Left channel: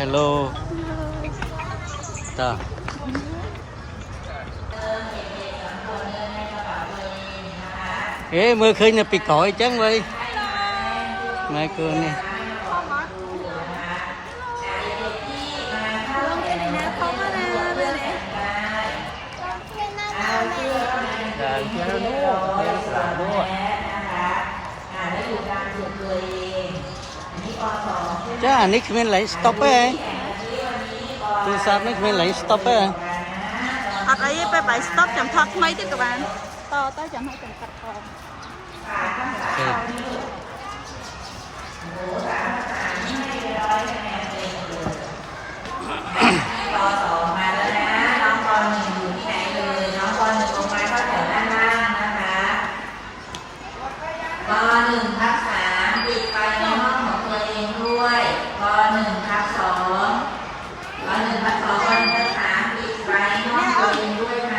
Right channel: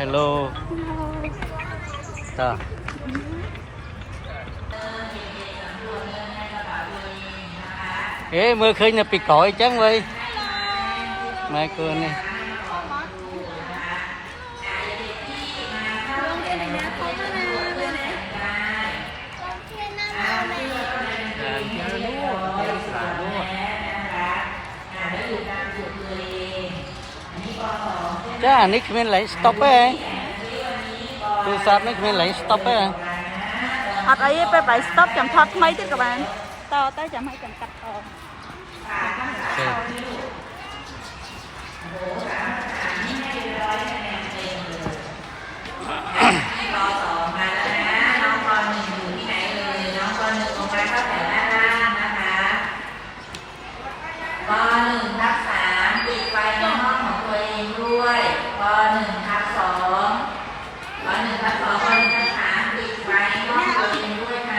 hello ta ế mưa khơi nè bị cõi chắn vậy mai cơn đi จ้านี่คือไหลสต็อปเปอร์คือทราบนี่คือไหลสต็อปเปอร์ Hoặc ấy phải phải stop chậm thật mấy chứ các bạn. To tới chậm hai chậm cắt còn. ปหนึ่งทับสามปิดไฟในห้องของตัวเองด้วยป หนึ่งทับสองปหนึ่งทับสองปหนึ่งทับสามปิดไฟในห้องตัวเองด้วยค่ะ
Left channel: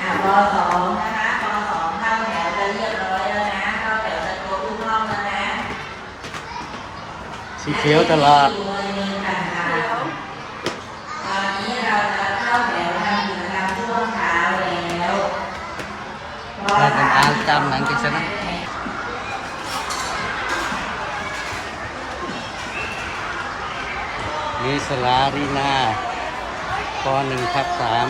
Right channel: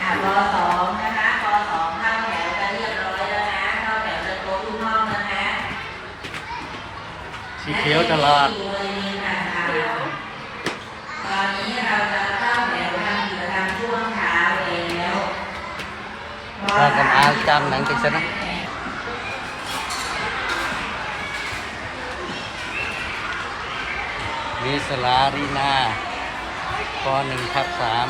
อะปสองนะคะปสองเข้าแถวกันเรียบร้อยแล้วนะเข้าแถวกันครบทุกห้องแล้วนะ สีเขียวตลอด สี่เลยนี่นะคะตอนนี้เราจะเข้าแถวทำกิจกรรมช่วงเช้าแล้ว เรากำลังจำหนังกันซะนะนี่สลารีนาปหนึ่งทับสาม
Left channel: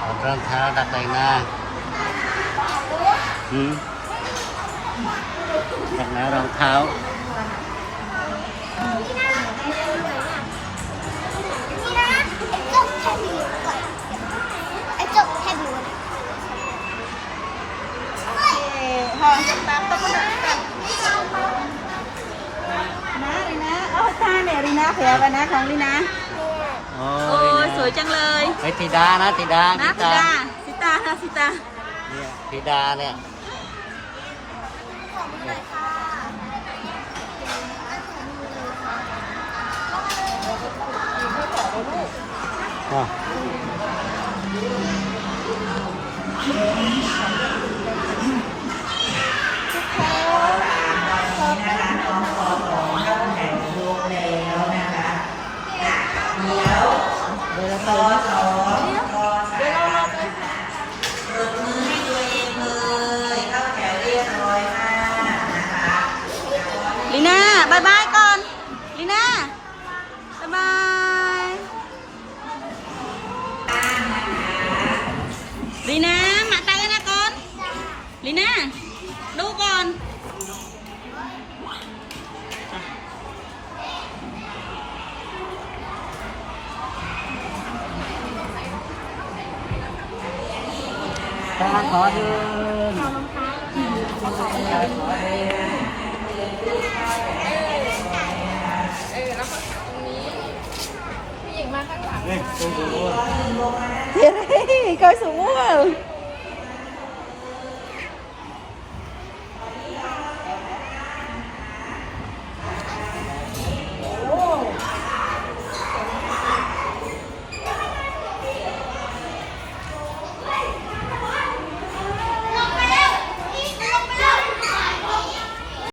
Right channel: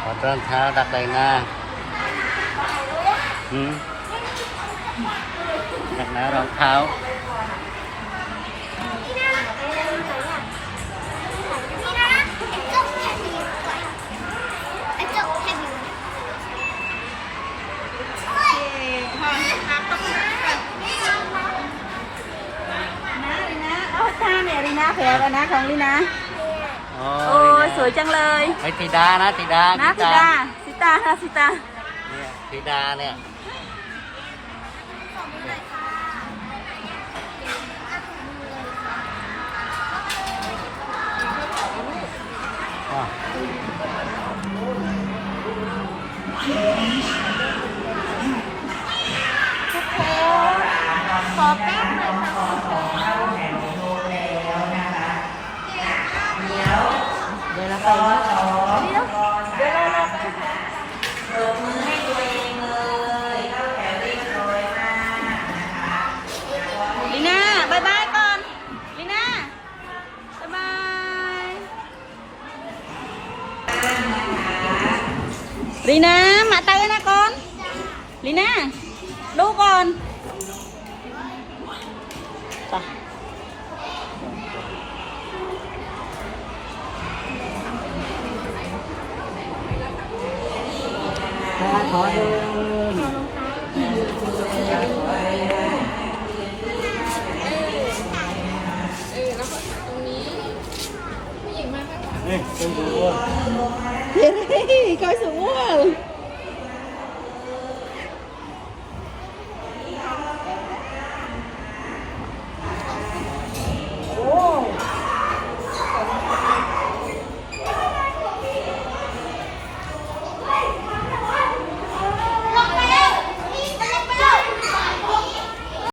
ถอดรองเท้าดักใบหน้า หืมดักหน้ารองเท้า Ê, thôi, tao tao có tao. Rina, Rina. Ôi, ta nè, Rina kìa, Rina không Rina. โอ้ Ôi, ย sủi chân lời. ไอ้ธิดานะธิดา ธิ Đó, ดา Sita, Sita, Sita. เนี่ยธิดาเนี่ยอะปรบมือให้ตัวเองเลยเข้าแถวเรียบร้อย ลีน่ามาเตยนะคนลีน่าดูก่อนไปขอเดิน goes at wall.